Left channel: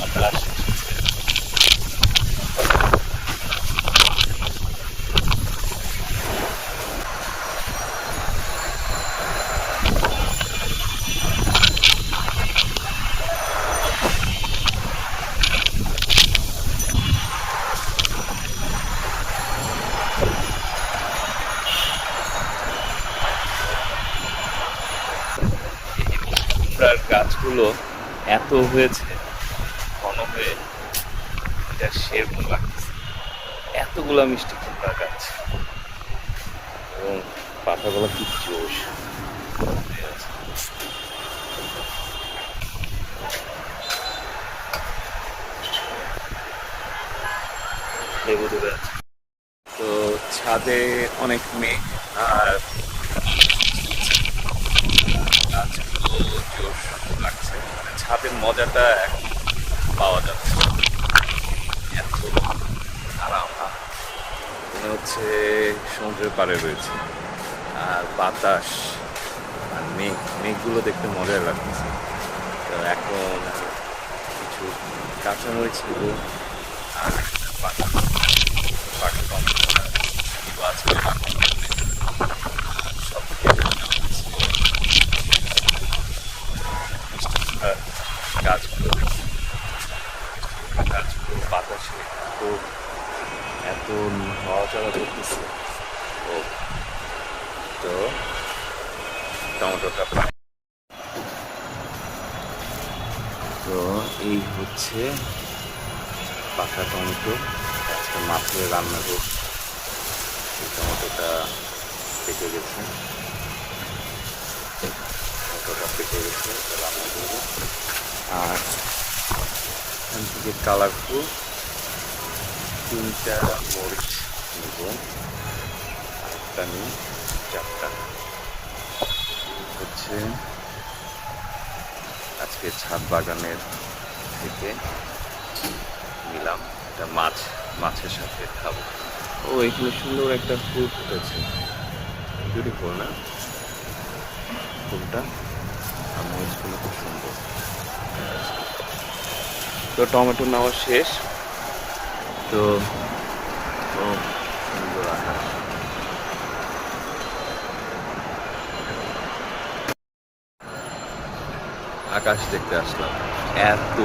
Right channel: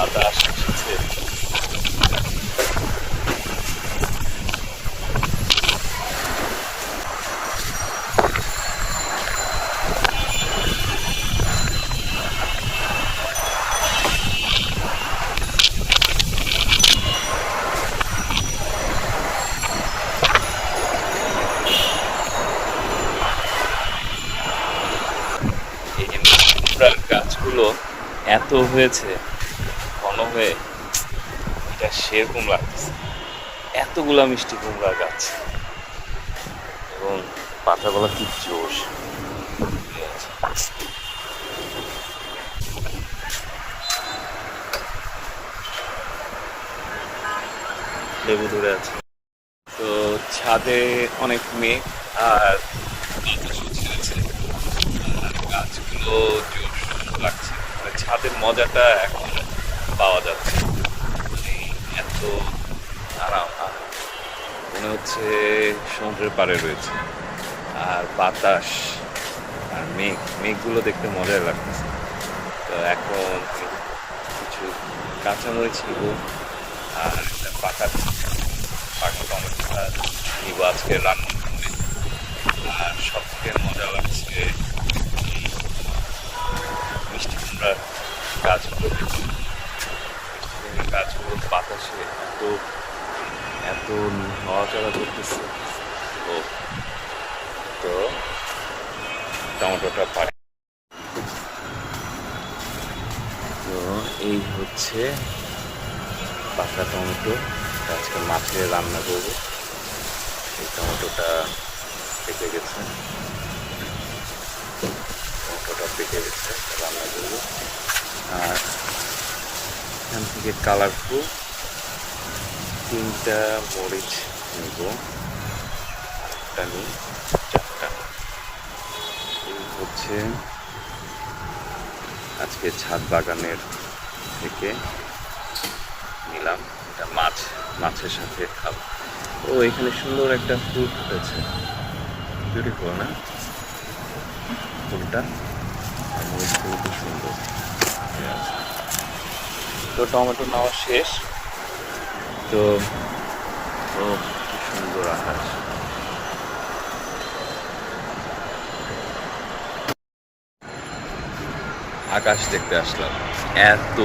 বাতাস এসেছে। এই কুমড়ার গাছগুলো এত হয়েছে ঘন হয়ে, এটা সেরকম লাগতেছে। এতগুলা মিষ্টি কুমড়া গাছ এবং পাতাগুলো কি জোশ হয়ে আছে। লেবু ধরে আছে। তো ছাদে অনেক মেঘ আর গাছগুলো জোশ লাগছে, মানে ছাদের মজাটা এখন পাওয়া যাচ্ছে। এত আরাম, মনে হচ্ছে সমুদ্রের পাড়ে রয়েছে। আর বাতাস আর মেঘগুলো দেখতে মজার লাগতেছে। তো এখন কিছু কাঁচামরিচ নিব আর একটা পাকা টমেটোটা নিব আজকে রান্না করতে। আর সবথেকে মজা লাগছে মিষ্টি কুমড়ার গাছগুলো, গাছগুলোর বাতাসে এত এত নড়াচড়া করতেছে। ও তো টমেটোটা পাই। তো এই হচ্ছে পাকা টমেটো, আজকে মাছে রান্না করবো। এই টমেটোটা পেকে গেছে, রান্না করবো। আর এখান থেকে কালারফুল 3টা মরিচ নিব, আরেকটা নিই, 4টা। এই হচ্ছে আজকে ছাদ বাগানের থেকে নিলাম। এটা মাছের সাথে খাবো। ও এখানে সুন্দর একটা ফুল ফুটেছে, বিউটিফুল না ফুলটা? আর মরিচগুলো খুব সুন্দর। তো টমেটো নেওয়া শেষ। তো সুন্দর আকাশ, দেখতে আসলাম। এত